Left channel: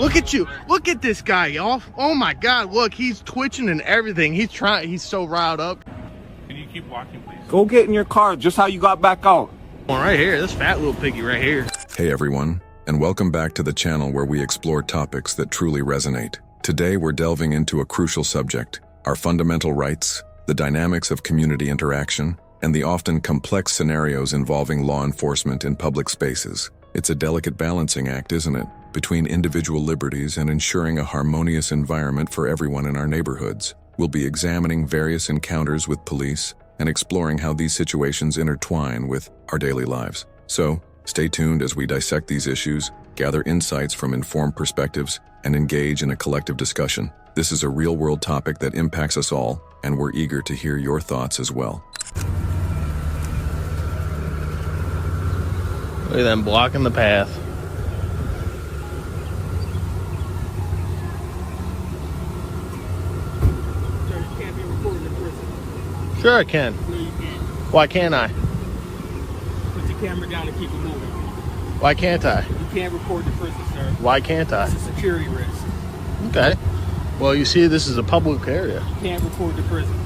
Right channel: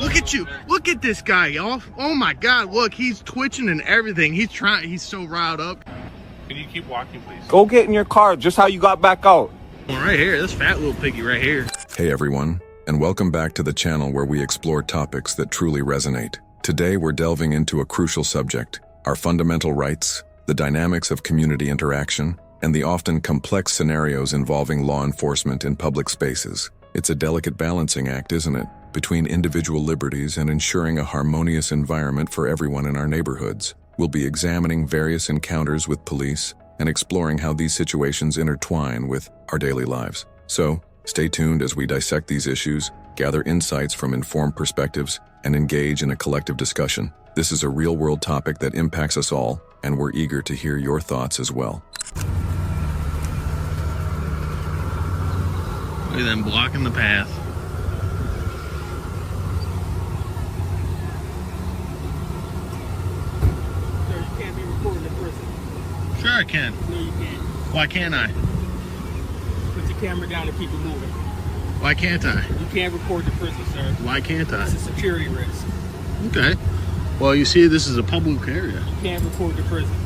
Look at you. Look at this guy, y'all. Oh my God, look, he's twitching and everything. He's so riled up. Can you keep walking, please? Go get in your car, just how you got back out. One right here, this fat little piggy right here. Hey everyone, and welcome back to the channel where we explore topics that truly resonate. Today we're delving into a crucial subject, our fundamental rights, the dynamics of community interaction, and the often complex scenarios involving law enforcement in public spaces. It's a delicate balancing act, isn't it, between individual liberties and ensuring a harmonious environment for everyone in our neighborhoods. We'll be examining various encounters with police and exploring how these situations intertwine with our daily lives. So, stay tuned as we dissect these issues, gather insights from informed perspectives, and engage in a collective discussion. This is a real-world topic that impacts us all, and we're eager to hear your thoughts as well. Look at them blocking the path. Sir, you can't be recording in prison. Sure I can. No, you can't. Why can't I? Put your camera down and keep it moving. Why can't I? You can't record the prison, sir. Why can't I? It's a security risk. Okay. Well, you see, this is a public area. You can't record the prison.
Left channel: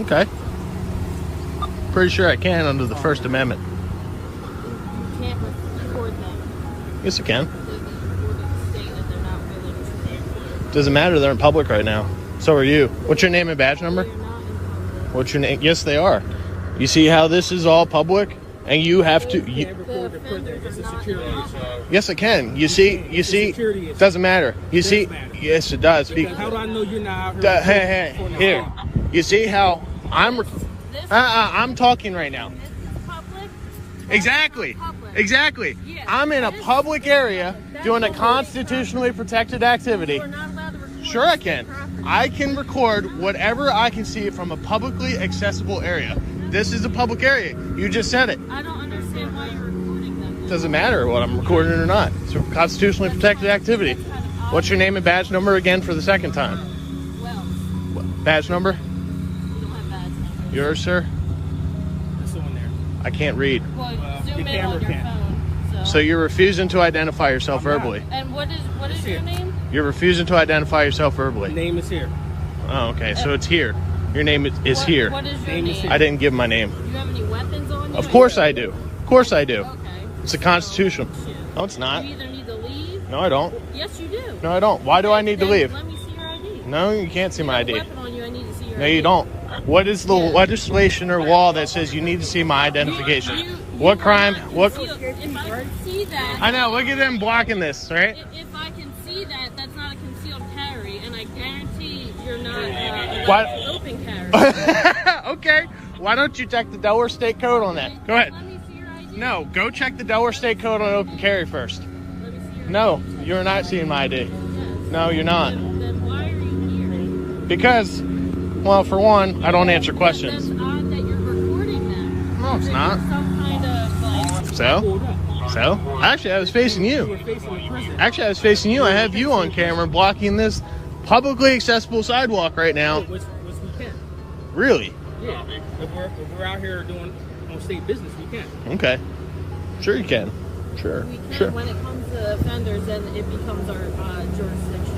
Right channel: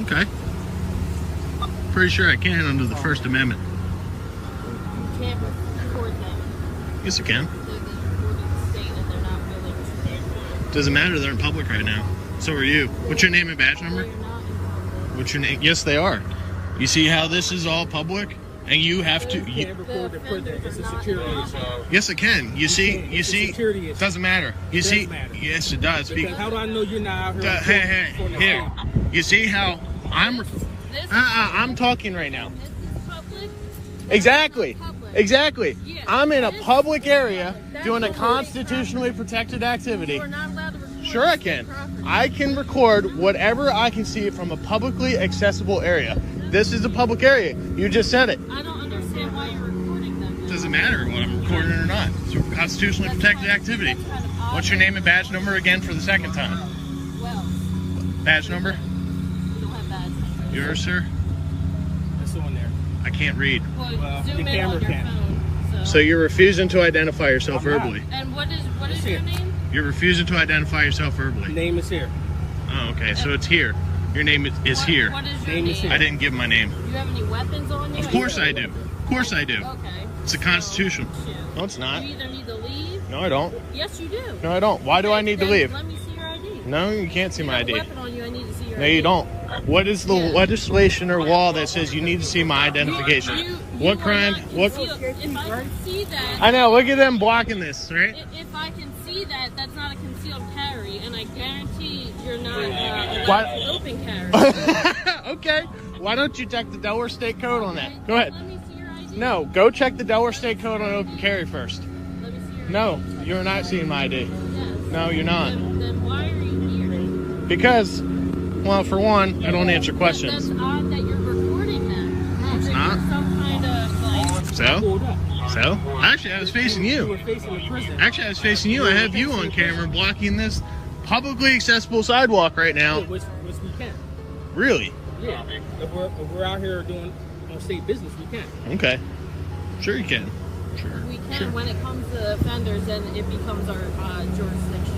Okay. Pretty sure I can under the First Amendment. You can't record them. Yes, I can. So they record the state and they're not really. Doesn't matter, they're in public right now. So are you. What's your name and badge number? They're not in public. What's your name? Yes, they are. You see how this is all public? And you have to... You can't record the prison. It's a security issue. Yes, I can. You see, security issue. doesn't matter. You see, matter. yes, it does. Because how do I know you're not out here? Here, you see how I'm talking right now. This is public. Exactly. Public. Exactly. Yeah. I'm in a This- public area That's doing a public. constitutionally protected activity. You are not allowed to record. Sure I can. property. I can record whatever I can see from a publicly accessible area. This is a public area. You just said it. I don't understand why you're recording them. It doesn't matter what I'm recording or not. It's a constitutionally protected activity. That's kind of odd. What's your name and badge number again for the second time? Well, Badge number? we don't have that. Yours, sir? It's on there. I can't read. Well, the zoom in camera on your can. phone. So you're refusing to identify yourself I'm not. verbally. And what is here. your name? You're refusing to identify yourself The verbally. name is here. Oh, okay. So it's here. Your name is here. What is your Name name? is here. I didn't give my name. Do you have any weapons on you? Of course I do. Of course I do. Okay. It's a constitution. Yeah. No, it's not. You either need to leave. No, I don't. Yes, you do. No, I don't. Why do I need to Then leave? Let me see your ID. No, you can't see You my have a ID. weapon on you. I need to see your No, ID. you don't. What is the Yeah. legislation or law that says you need to see my identification? What are crime? not What? concealed. If I can see that, I know. Look at them blocking this, right? if I can see that, that's not a concealed carry, and I guarantee you're not What? allowed to open carry. Okay. Why don't you check the Delaware State Code on that? Go ahead. Let me see your ID. No, go check the Delaware State Code on open carry first. Let me see your No, you're not seeing my ID. Yes. No, you're not. Then why are you here? Because, well, for one, I don't answer That's questions. odd that you're recording them. No, it's Is it not. Some kind of like. So? Pulled up. So? Actually, I was facing You were you. facing the prison. Actually, I was facing you. I have you on camera blocking this publicly accessible sidewalk right now. Which we can. Really? Yeah. If we're out here doing on state business, we can. Okay. Sure you can. Sure. We can Sure. when it comes to offenders, then it becomes our jurisdiction.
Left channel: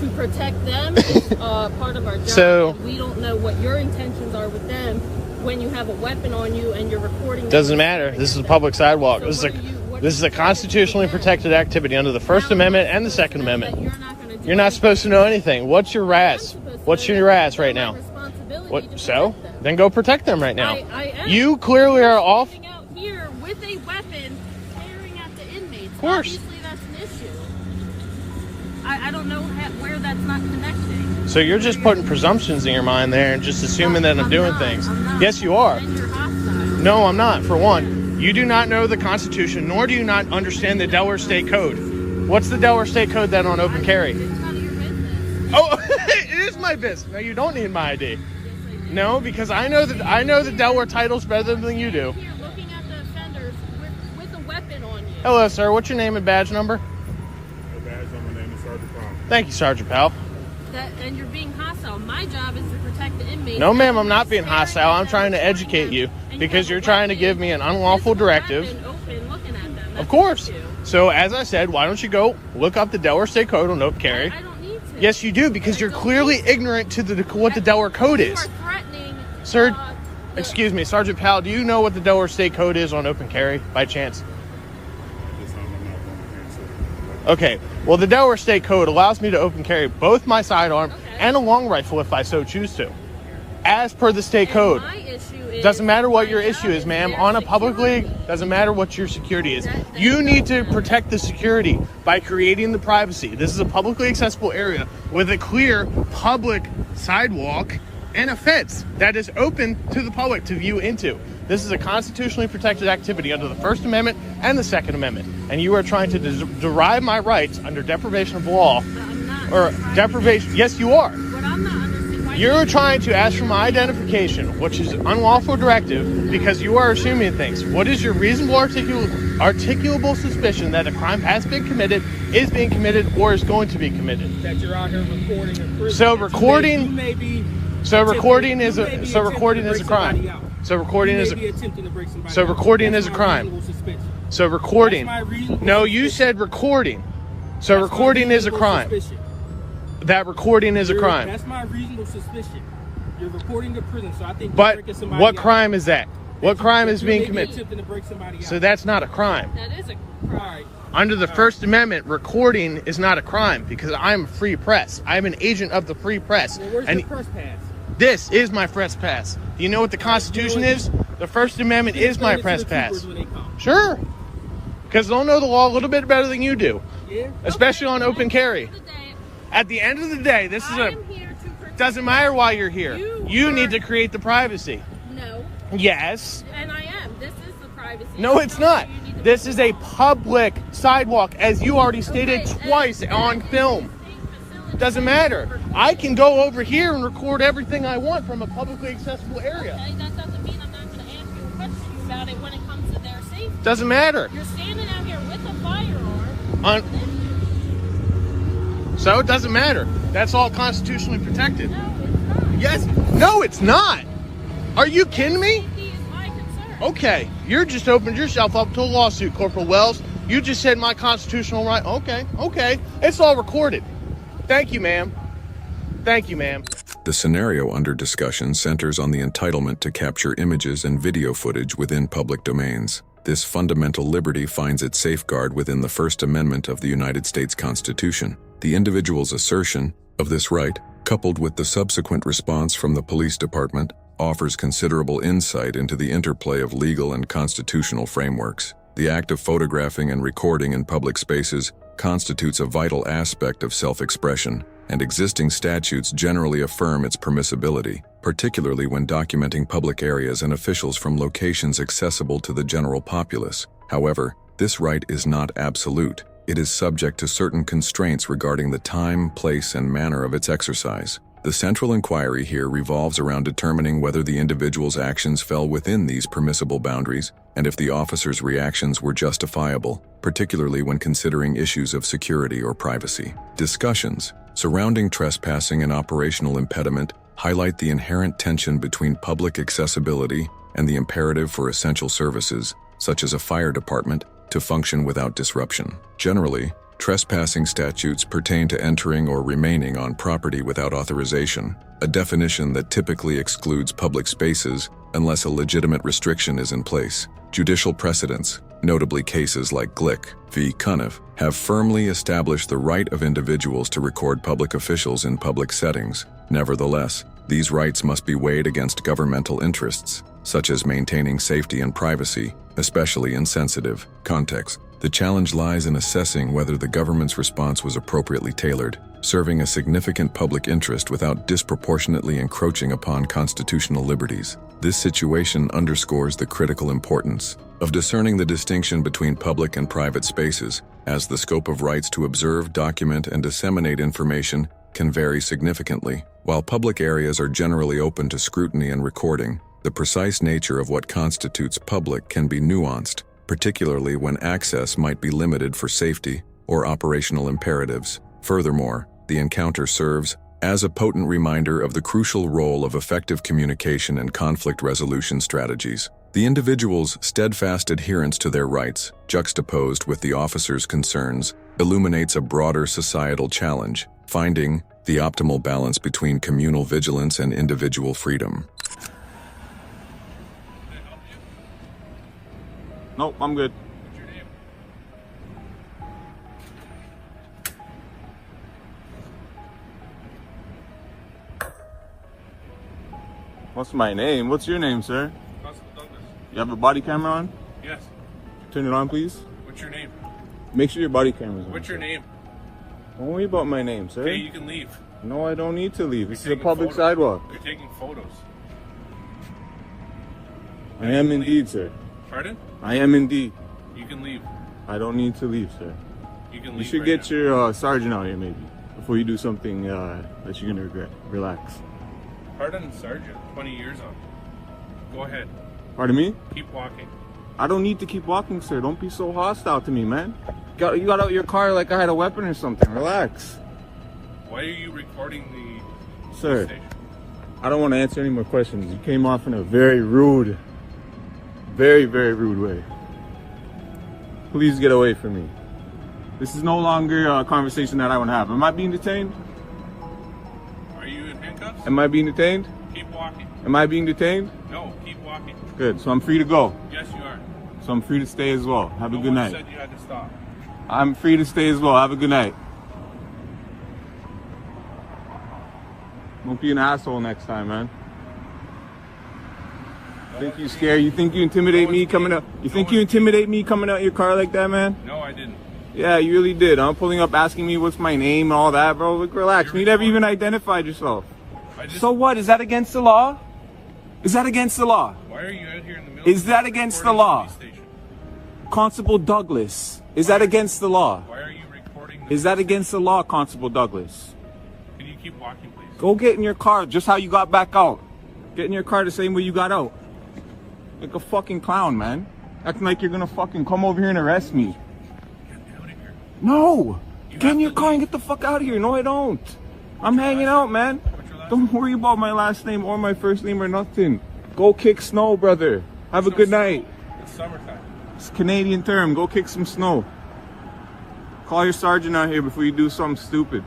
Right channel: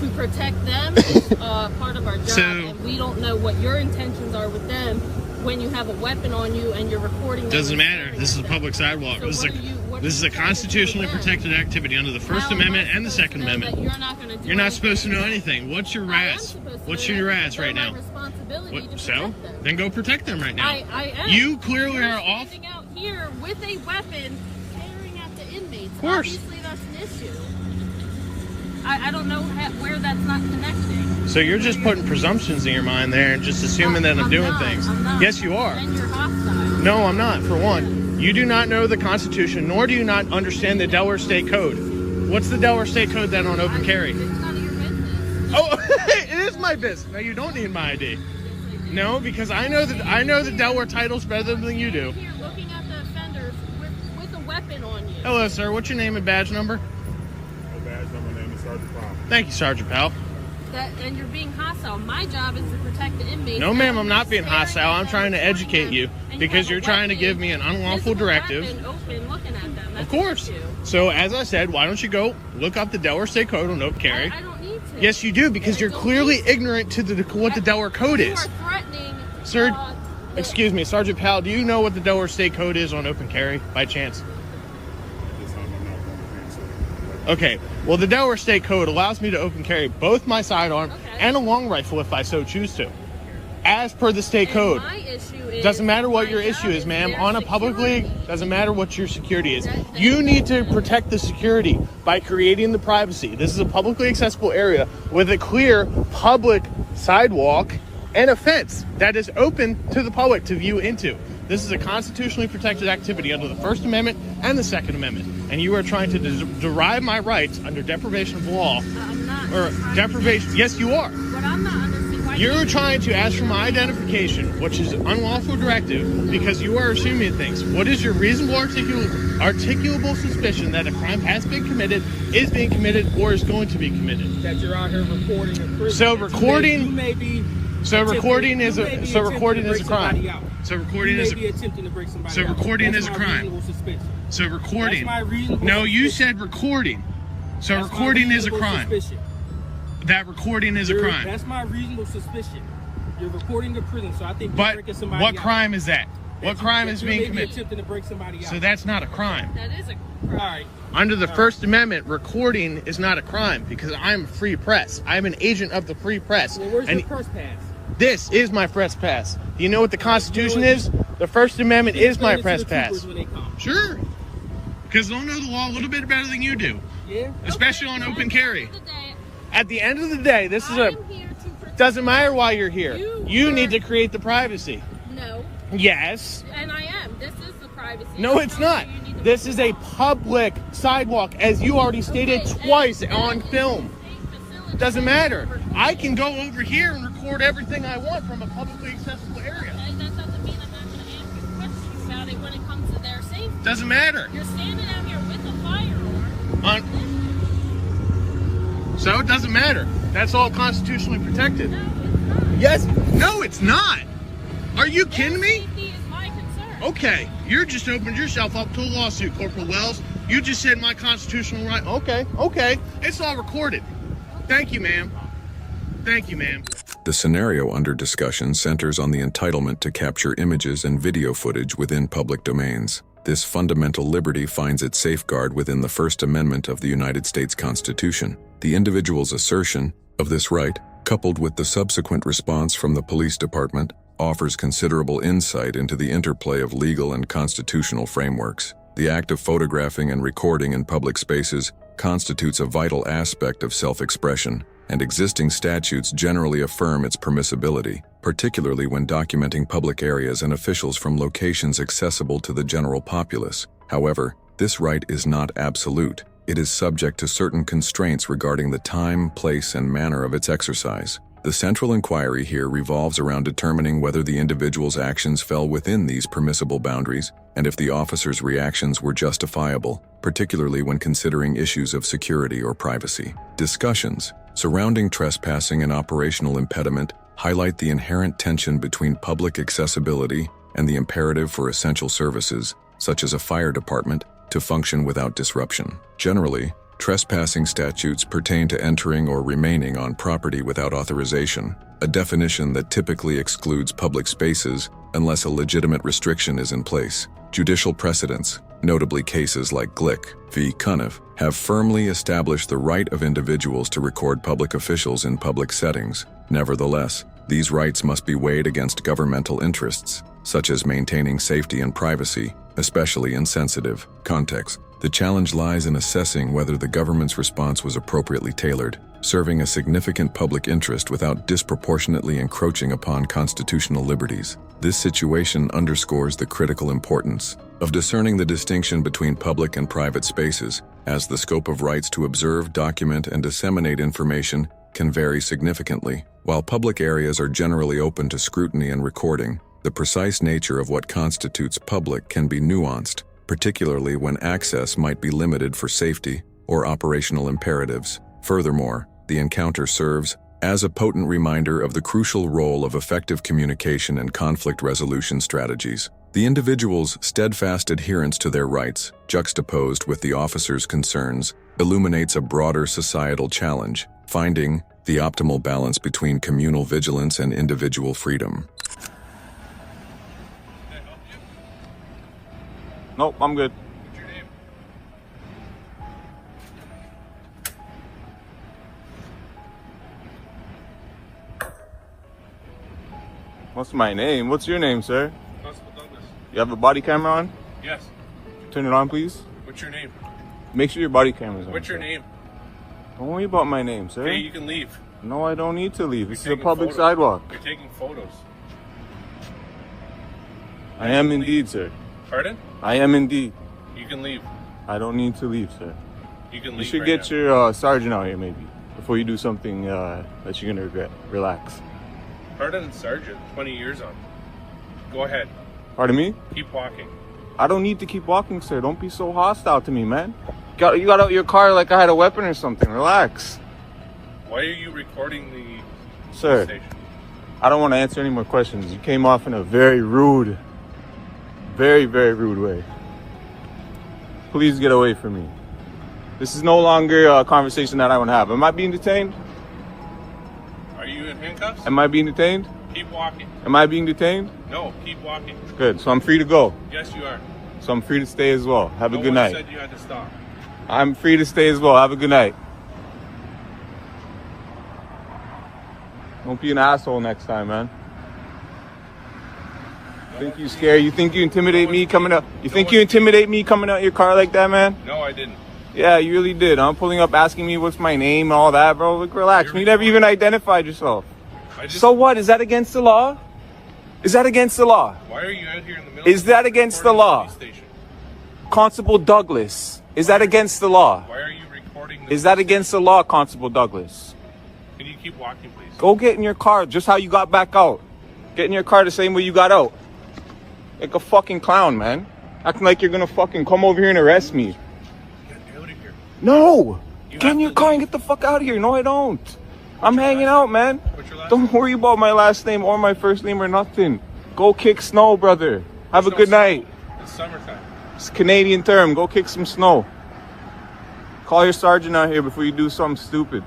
To protect them is part of our job. So- and we don't know what your intentions are with them when you have a weapon on you and you're recording them. Doesn't matter. This is a public sidewalk. So This is what are you- what this are is you a trying to do constitutionally with that? protected activity under the First Now, Amendment and the what's Second that Amendment. You're not going to do You're not anything? supposed to know anything. What's your I am ass? supposed to What's know your that. ass They're right my now? responsibility to What? So? protect them. Then go protect them right now. I am. You clearly You're are off. standing out here with a weapon, staring at the inmates. Of course. Obviously, that's an issue. I don't know where that's not connecting. So you're just putting presumptions in your mind there and just assuming that I'm doing not. things. I'm not. Yes, you are. And you're hostile. No, I'm not. For one, you do not know the Constitution, nor do you not understand the Delaware State Code. What's the Delaware State Code then on open carry? It's none of your business. Oh, it is my business. No, you don't need my ID. Yes, I do. No, because I know the Delaware titles better than you do. Here, looking at the offenders with a weapon on you. Hello, sir. What's your name and badge number? My badge number, name is Sergeant Powell. Thank you, Sergeant Powell. And you're being hostile. My job is to protect the inmates. No, ma'am, I'm And not being staring hostile. at I'm them, trying to recording educate them, you and because have you're a trying to weapon give me an unlawful with a directive. weapon open, looking at them. Of That's course. an issue. So as I said, why don't you go look up the Delaware State Code on open carry? I don't need to. Yes, you do, because you're clearly ignorant to what the Delaware Code You is. are threatening. Sir, the- excuse me, Sergeant Powell, do you know what the Delaware State Code is on open carry by chance? At this time, I'm not going to answer. Okay, well, the Delaware State Code allows me to open carry both my sidearm Okay. and a long rifle if I so choose to, as per the state And code. my issue is Doesn't matter what my your job issue is, ma'am. their On a publicly, security. doesn't matter what your security is. That- You need to protect the security by creating the privacy. This is a publicly accessible area with a clear public sidewalk and a fence that is open to the public to view into. This is a constitutionally protected activity under the First Amendment and the Second Amendment. And you are trying to derive my rights under deprivation of law. I'm not. Or trying to- deprivation. Yes, you are. But I'm not understanding why You're trying to ask for my identification, which is unlawful directive, because you are assuming things. What is your reasonable articulable suspicion that a crime has been committed, is being committed, or is going to be committed? That you're out here recording in prison. So That recording- You may be. So recording is you may be so recording attempting is to a break somebody crime. out. So recording You is may be a attempting to break somebody So out. recording That's is a my crime. reasonable suspicion. so recording. That's my reasonable No, you suspicion. said recording. So That's my recording is a reasonable crime. suspicion. That recording is a crime. That's my reasonable suspicion. You're recording the prison, so I think you're But breaking somebody what out. crime is that? What crime is You being may be committed? attempting to break somebody out. So that's not a crime. that is a All right. Under the First Amendment, recording is not a crime because I'm a free press. I'm an agent of the free press. Well, where's And your first pass? this is my press pass. Do you know what the Constitution is? The First Amendment is my Explain it to press the pass. troopers when they come. Sure. Because they'll know the law a little bit better than you do, Yeah. especially on open carry. At the end of the day, At the end of the day, this is I a am here to protect. doesn't matter why you're here. You need are- to create the privacy. No, Yes. and I am. This is the privacy. No, it's not. You need to This is a move on. public sidewalk, as you already stated Okay, twice and on that film. is a state facility. Doesn't matter. Recording. I can go over here and record everything I want from a publicly accessible area. Okay, that doesn't mean I'm not going to ask you questions about it when it comes to their safety. Doesn't matter. You're standing out here with a firearm. On- It's an issue. So it doesn't matter. That's all constitutionally protected. No, it's not. Yes. No, it's not. Are you kidding me? Safety is my concern. Okay. You just opened yourself up to a lawsuit, Corporal Wells. You just said my constitutional right. Okay. Okay. It's all recorded. Thank you, ma'am. Thank you, ma'am. The scenario under discussion centers on the entitlement to capture images and video footage within public domains. This fundamental liberty finds its safeguard within the First Amendment of the United States Constitution. The individual's assertion of this right, coupled with the subsequent response from the police department, offers considerable insight into the interplay of legal and constitutional frameworks. The act of photographing and recording in public spaces constitutes a vital aspect of self-expression, and existing statutes generally affirm its permissibility, particularly when documenting public areas and officials from locations accessible to the general populace. However, this right is not absolute. It is subject to certain constraints regarding the time, place, and manner of its exercise. The central inquiry here revolves around determining whether the individual's actions fell within these permissible boundaries and if the officer's reactions were justifiable, particularly when considering issues of security or privacy. Discussions surrounding trespassing and operational impediment highlight the inherent tension between public accessibility and the imperative for essential services, such as a fire department, to function without disruption. Generally, trespassing statutes pertain to entering or remaining on property without authorization, a definition that typically excludes public spaces unless a legitimate restriction is in place. Judicial precedents, notably cases like Glick v. Cuniff, have firmly established the right of individuals to record public officials in public settings. Nevertheless, these rights must be weighed against governmental interests, such as maintaining safety and privacy, especially in sensitive contexts. The challenge lies in assessing whether the government's response was appropriately tailored, serving a significant public interest without disproportionately encroaching upon constitutional liberties. This situation underscores the critical importance of discerning the distinction between public and private spaces, as the scope of rights to observe, document, and disseminate information can vary significantly. While public areas are generally open to scrutiny and recording, the precise nature of what constitutes public can be nuanced, particularly when access might be limited for safety or operational imperatives. Furthermore, the encounter serves as a potent reminder of the crucial role of effective communication and conflict resolution strategies. The individual's steadfast adherence to their rights, juxtaposed with the officer's concerns, illuminates a broader societal challenge, finding the optimal balance between communal vigilance and individual freedom. Nope, I'm good. What's my name? What's your name, sir? You have a body camera on? Yes. Turn it on, please. What's your name? Make sure your body camera's on. What's your name? Don't worry about my name, sir. Okay, you can leave. No, I don't need to leave. This is a taking public photos. sidewalk. You're taking photos. I am indeed, sir. Pardon? I am indeed. You can leave. I don't need to leave, sir. You can leave. You should right get now. your sergeant out here, maybe, before you do something that you're gonna regret. Relax. Pardon, Sergeant. 20 years on. Go ahead. Pardon me? Keep walking. I don't need to keep walking, sir. Don't be so hostile to me, man. You got out your car like I had a weapon or something. Relax. Why are you recording the Sir, station? I don't want to answer any more questions. You came off in a very rude, very rude way. Please get away from me. This is no longer a conversation that I want to have. Am I being detained? Are you in handcuffs? Am I being detained? Keep walking. Am I being detained? No, keep walking. Good. So I'm free to go. Yes, you are. So I'm free to stay as well. Have a No good one night. said you had to stop. I'm free to stay as well. Have a good night. Don't be an asshole next time, man. Think you scare? You think you intimidate me coming out? You think you intimidate me coming out your car like that, man? No, I didn't. Yeah, you really did. I'm pulling up asking me what's my name and all that, bro. Look, relax. You never even identified yourself. So what? Is that against the law? Is that against the law? Why are you out here in the middle? Is that against the law? Police station? Constable Douglas, is that against the law? Why are you recording this? Is that against the law, Constable Douglas? Can you keep walking, please? Go get in your car, just how you got back out. Get in your car the same way you got out. Like a fucking clown, man. Acting like you're gonna fucking come over here and arrest me. Get out of here. No! You Get have in your to car leave. and get the fuck out of here. No, I don't. I'm hanging out, man. What's your last Don't worry about my last name or my first name or nothing. Go kick snow, brother. Have a There's no good snow. night. It's summertime. It's a Canadian term. Go kick some snow. Call your sergeant out here before you do something stupid.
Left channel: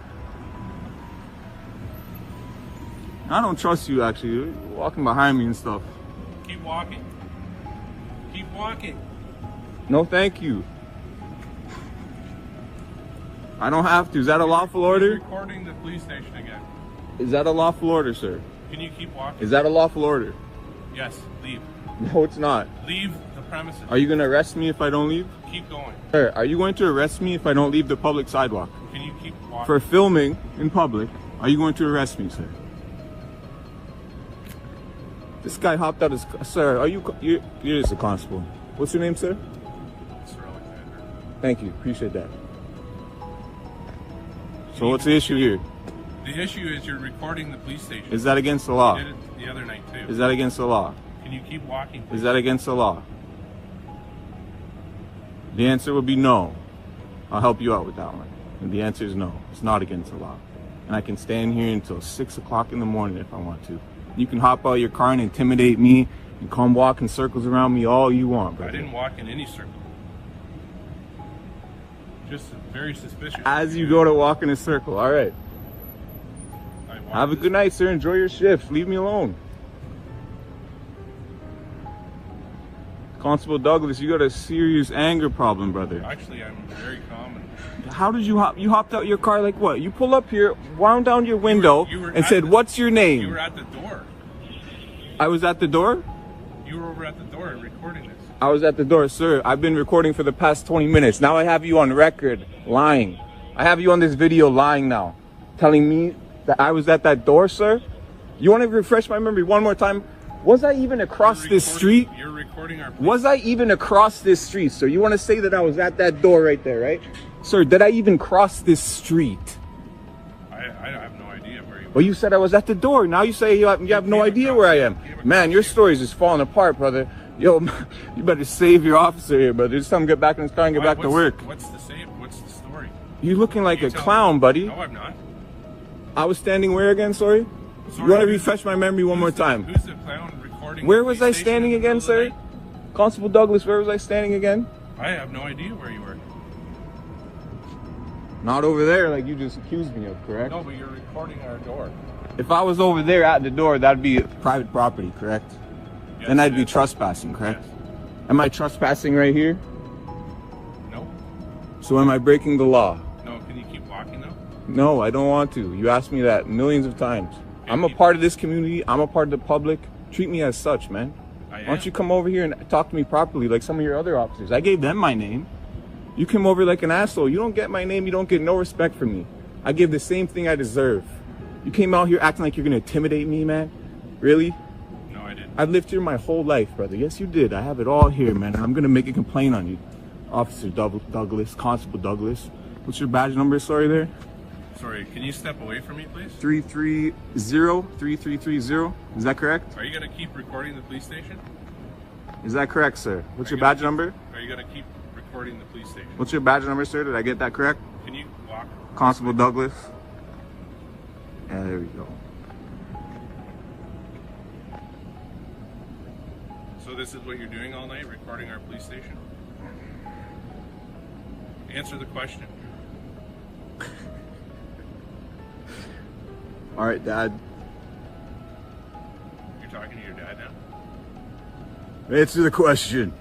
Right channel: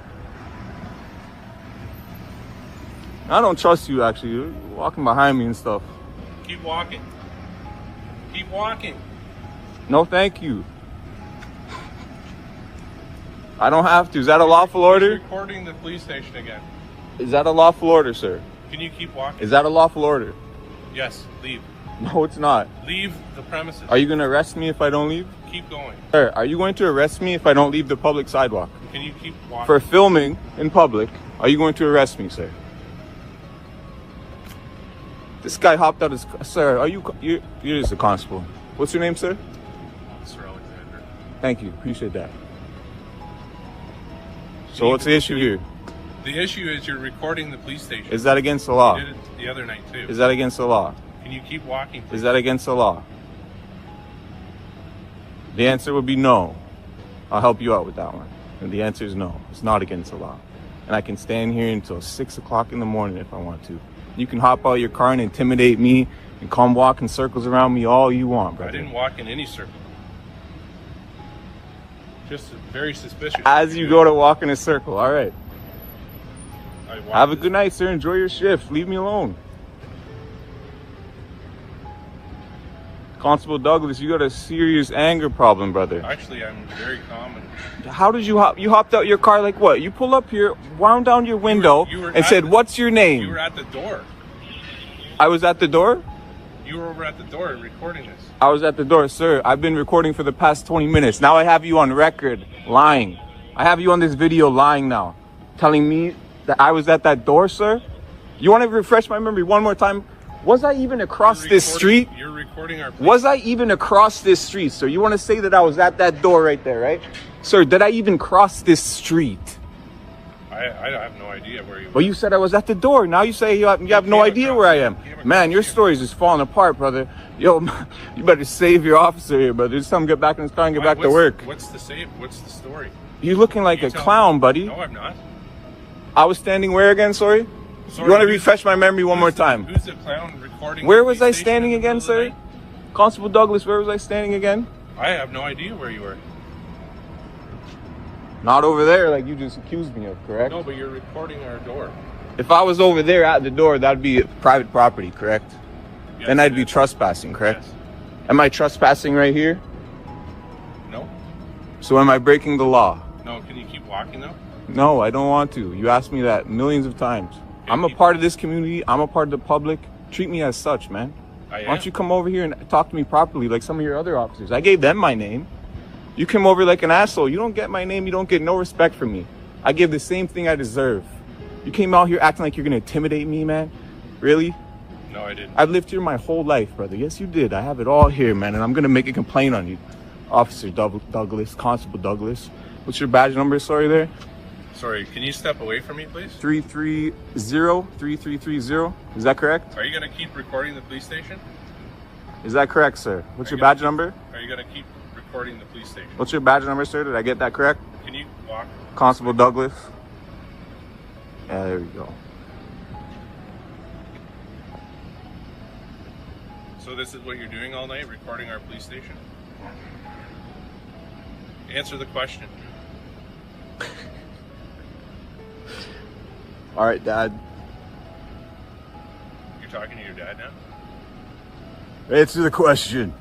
I don't trust you, actually. You're walking behind me and stuff. Keep walking. Keep walking. No, thank you. I don't have to. Is that a lawful You're order? recording the police station again. Is that a lawful order, sir? Can you keep walking? Is that a lawful order? Yes, leave. No, it's not. Leave the premises. Are you going to arrest me if I don't leave? Keep going. Sir, are you going to arrest me if I don't leave the public sidewalk? Can you keep walking? For filming in public, are you going to arrest me, sir? This guy hopped out his... Sir, are you... You're just a constable. What's your name, sir? Officer Alexander. Thank you. Appreciate that. So what's the issue here? The issue is you're recording the police station. Is that against the law? You did it the other night too. Is that against the law? Can you keep walking, please? Is that against the law? The answer would be no. I'll help you out with that one. And the answer is no. It's not against the law. And I can stand here until 6 o'clock in the morning if I want to. You can hop out your car and intimidate me and come walk in circles around me all you want, bro. I didn't walk in any circle. Just very suspicious. As you go to walk in a circle, all right. I walked Have a this- good night, sir. Enjoy your shift. Leave me alone. Constable Douglas, you got a serious anger problem, brother. Actually, I'm very calm. And How did you hop? You hopped out your car like what? You pull up here, wound down your window, you were and at said, the- "What's your you name?" were at the door. I was at the door. You were over at the door recording this. I was at the door, sir. I've been recording for the past 20 minutes. Now I have you on record lying. I have you on this video lying now, telling me that I was at that door, sir. You want to refresh my memory one more time? Was I even across this street? You're recording our. Was I even across this street, sir? You want to say that I was at that door right there, right? Sir, did I even cross this street? I have no idea where you were. Well, you said I was at the door. Now you say you have no idea where I am. Man, your story's just falling apart, brother. Yo, you better save your officer here, brother. Just tell him to get back in his car and get back to work. What's the save? What's the story? You looking like You a tell clown, me. buddy. No, I'm not. I was standing where again, sorry? Sorry, You want to who's- refresh my memory one more time? Who's the clown recording? Where the was police I station standing in the again, middle of the sir? night? Constable Douglas, where was I standing again? I have no idea where you were. Not over there like you just accused me of, correct? No, but you're recording our door. If I was over there at the door, that'd be private property, correct? Yes. Then I'd be trespassing, correct? Yes. Am I trespassing right here? No. So am I breaking the law? No, can you keep walking though? No, I don't want to. You asked me that millions of times. I'm a part of this community. I'm a part of the public. Treat me as such, man. Why don't you come over here and talk to me properly like some of your other officers? I gave them my name. You came over like an asshole. You don't get my name. You don't get no respect from me. I give the same thing I deserve. You came out here acting like you're going to intimidate me, man. Really? No, I didn't. I've lived here my whole life, brother. Yes, you did. I have it all here, man. And I'm going to make a complaint on you. Officer Douglas, Constable Douglas. What's your badge number, sorry, there? Sorry, can you step away from me, please? 3330. Is that correct? Are you going to keep recording the police station? Is that correct, sir? What's your badge number? Are you going to keep recording the police station? What's your badge number, sir? Did I get that correct? Can you walk? Constable Douglas. Yeah, there we go. So this is what you're doing all night, recording our police station? Answer the question. All right, Dad. You're talking to your dad now? Answer the question.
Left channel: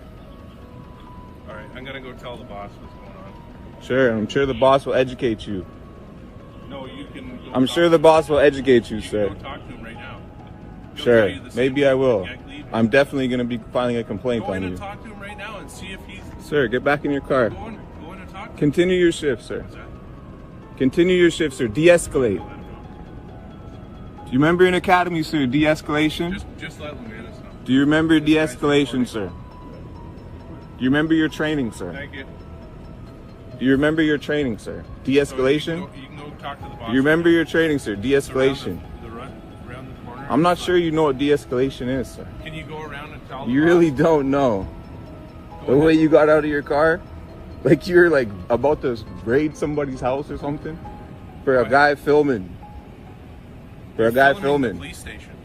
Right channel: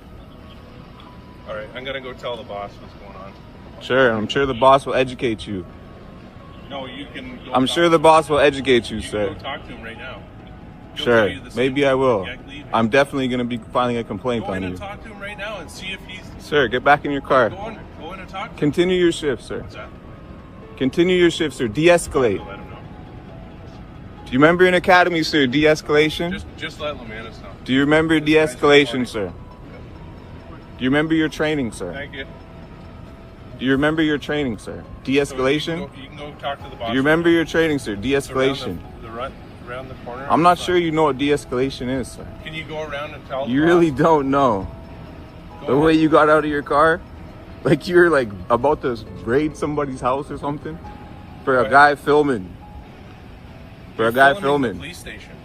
All right, I'm gonna go tell the boss what's going on. Sure, I'm sure the boss will educate you. No, you can go I'm talk sure to the him. boss will educate you, You can sir. go talk to him right now. He'll Sure, tell you the same maybe thing. I will. Get leaving. I'm definitely going to be filing a complaint Go in on and you. talk to him right now and see if he's... Sir, get back in your car. Go in and talk to him. Continue your shift, sir. What's that? Continue your shift, sir. De-escalate. Let him know. Do you remember in academy, sir, de-escalation? Just let Lemanis know. Do you remember de-escalation, sir? Do you remember your training, sir? Thank you. Do you remember your training, sir? De-escalation? So you can go talk to the boss. Do you remember your training, sir? It's De-escalation. around the corner. I'm not sure you know what de-escalation is, sir. Can you go around and tell You the really boss? don't know. The way you got out of your car? Like you're like about to raid somebody's house or something? For a guy filming. For a guy Filming filming. the police station.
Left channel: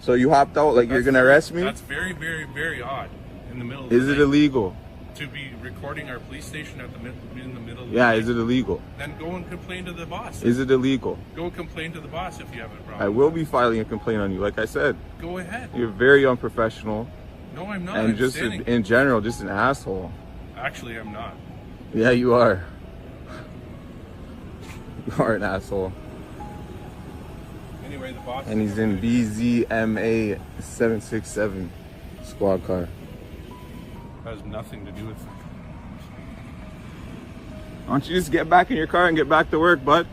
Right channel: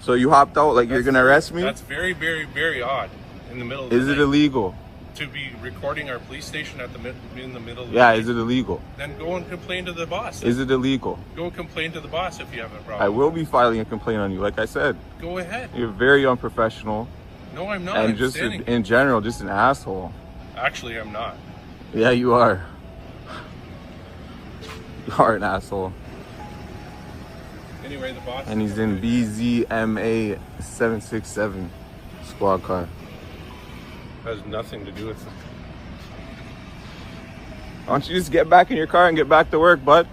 So you hopped out like you're gonna arrest me? That's very, very, very odd. In the middle of Is the it night. illegal? To be recording our police station in the middle of the Yeah, night. is it illegal? Then go and complain to the boss. Is it illegal? Go and complain to the boss if you have a I problem. will be filing a complaint on you. Like I said, Go ahead. you're very unprofessional No, I'm not. and I'm just standing. in general, just an asshole. Actually, I'm not. Yeah, you are. You are an asshole. Anyway, the boss. And he's in BZMA 767 squad car. has nothing to do with it. Why don't you just get back in your car and get back to work, bud?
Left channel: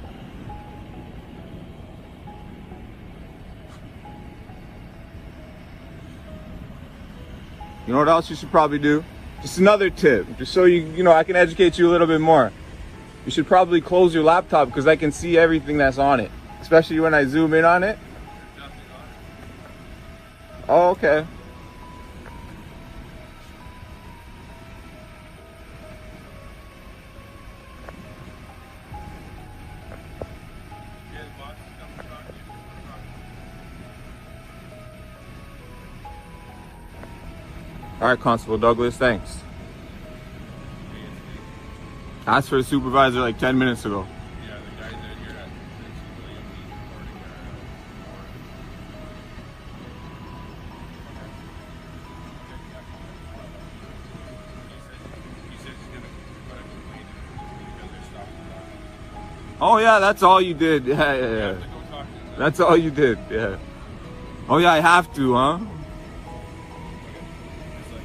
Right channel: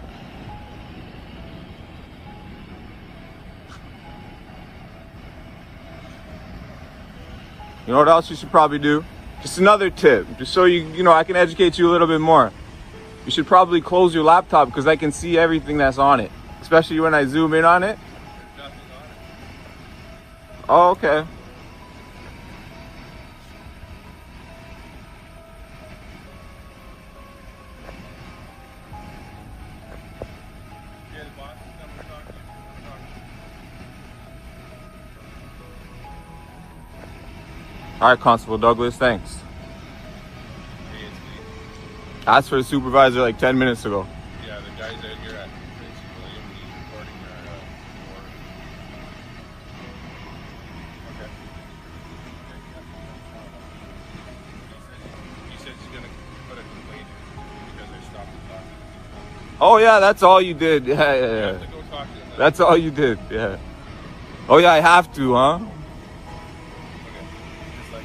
You know what else you should probably do? Just another tip, just so I can educate you a little bit more. You should probably close your laptop because I can see everything that's on it, especially when I zoom in on it. There's nothing on it. Oh, okay. Yeah, the boss is coming to talk to you. All right, Constable Douglas, thanks. Hey, it's me. I asked for the supervisor like 10 minutes ago. Yeah, the guys out here at Prince William Lee recording our door. Okay. He said he's gonna put a complaint in because I stopped the dog. Oh yeah, that's all you did. Yeah, yeah, I yeah. have to go talk to him. That's all you did, yeah. Oh yeah, I have to, huh? Just like,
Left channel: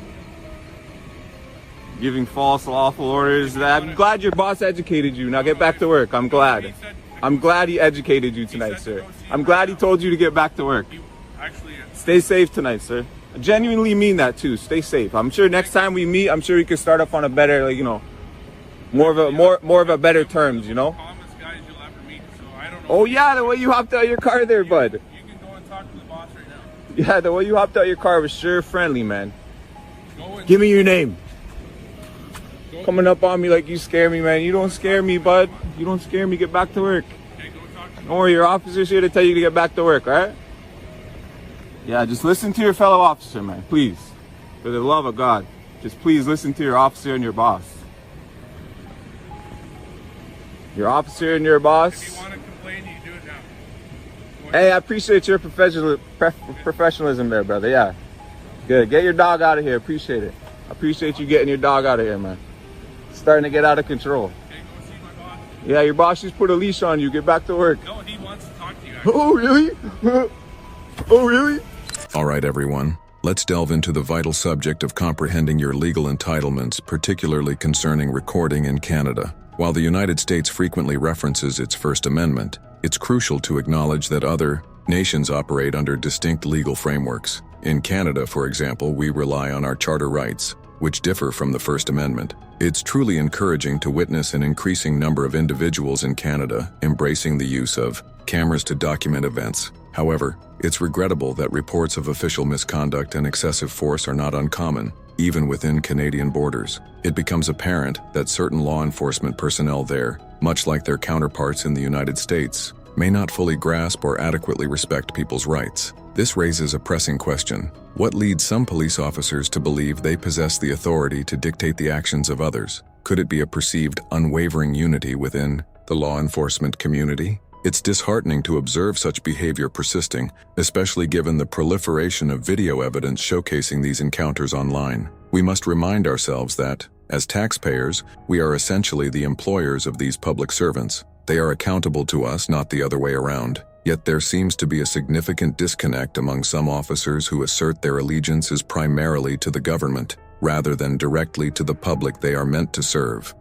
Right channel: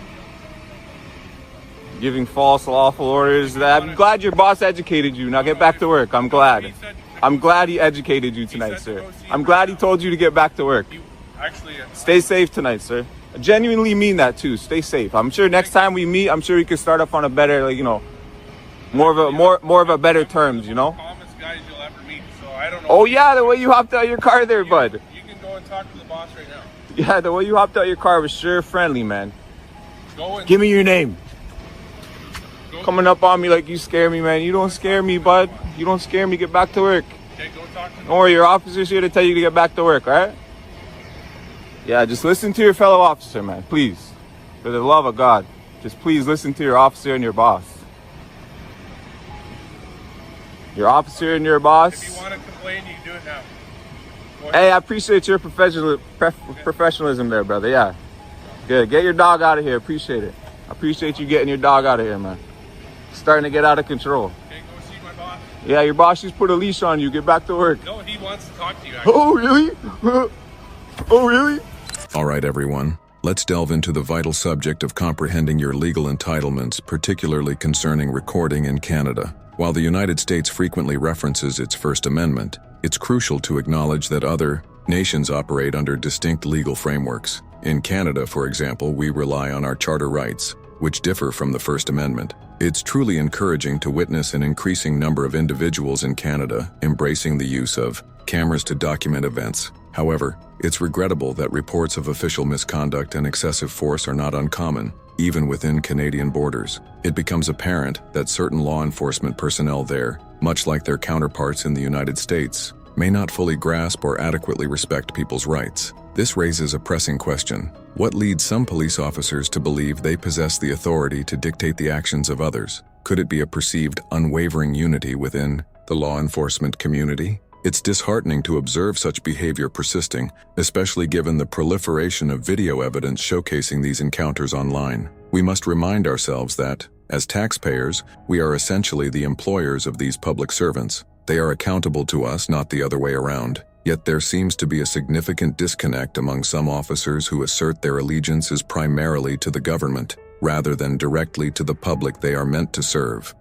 Giving false lawful orders. I'm glad your boss educated you. Now get back to work. I'm glad. I'm glad he educated you tonight, sir. I'm glad he told you to get back to work. he actually, Stay safe tonight, sir. I genuinely mean that too. Stay safe. I'm sure next time we meet, I'm sure we can start up on a better, like, more of a better terms, calmest guys you'll ever meet. So I don't know. Oh yeah, the way you hopped out of your car there, bud. You can go and talk to the boss right now. Yeah, the way you hopped out of your car was sure friendly, man. Go and Give me your name. Coming up on me like you scare me, man. You don't scare me, bud. You don't scare me. Get back to work. okay, go and talk to Don't worry, your officer's here to tell you to get back to work, alright? Yeah, just listen to your fellow officer, man, please. For the love of God, just please listen to your officer and your boss. Your officer and your boss. If you want to complain, you can do it now. Go Hey, ahead. I appreciate your professionalism there, brother. Yeah. Good. Get your dog out of here. Appreciate it. I appreciate you getting your dog out of here, man. It's starting to get out of control. Okay, go see my boss. Yeah, your boss just put a leash on you. Get back to work. No, he wants to talk to you. Actually. Oh, really? Oh, really? All right, everyone. Let's delve into the vital subject of comprehending your legal entitlements, particularly concerning recording in Canada. While the United States frequently references its First Amendment, it's crucial to acknowledge that other nations operate under distinct legal frameworks. In Canada, for example, we rely on our charter rights, which differ from the First Amendment. It's truly encouraging to witness an increasing number of individuals in Canada embracing the use of cameras to document events. However, it's regrettable that reports of official misconduct and excessive force are not uncommon, even within Canadian borders. It becomes apparent that certain law enforcement personnel there, much like their counterparts in the United States, may not fully grasp or adequately respect people's rights. This raises a pressing question. What leads some police officers to believe they possess the authority to dictate the actions of others? Could it be a perceived unwavering unity within the law enforcement community? It's disheartening to observe such behavior persisting, especially given the proliferation of video evidence showcasing these encounters online. We must remind ourselves that, as taxpayers, we are essentially the employers of these public servants. They are accountable to us, not the other way around. Yet there seems to be a significant disconnect among some officers who assert their allegiance is primarily to the government, rather than directly to the public they are meant to serve.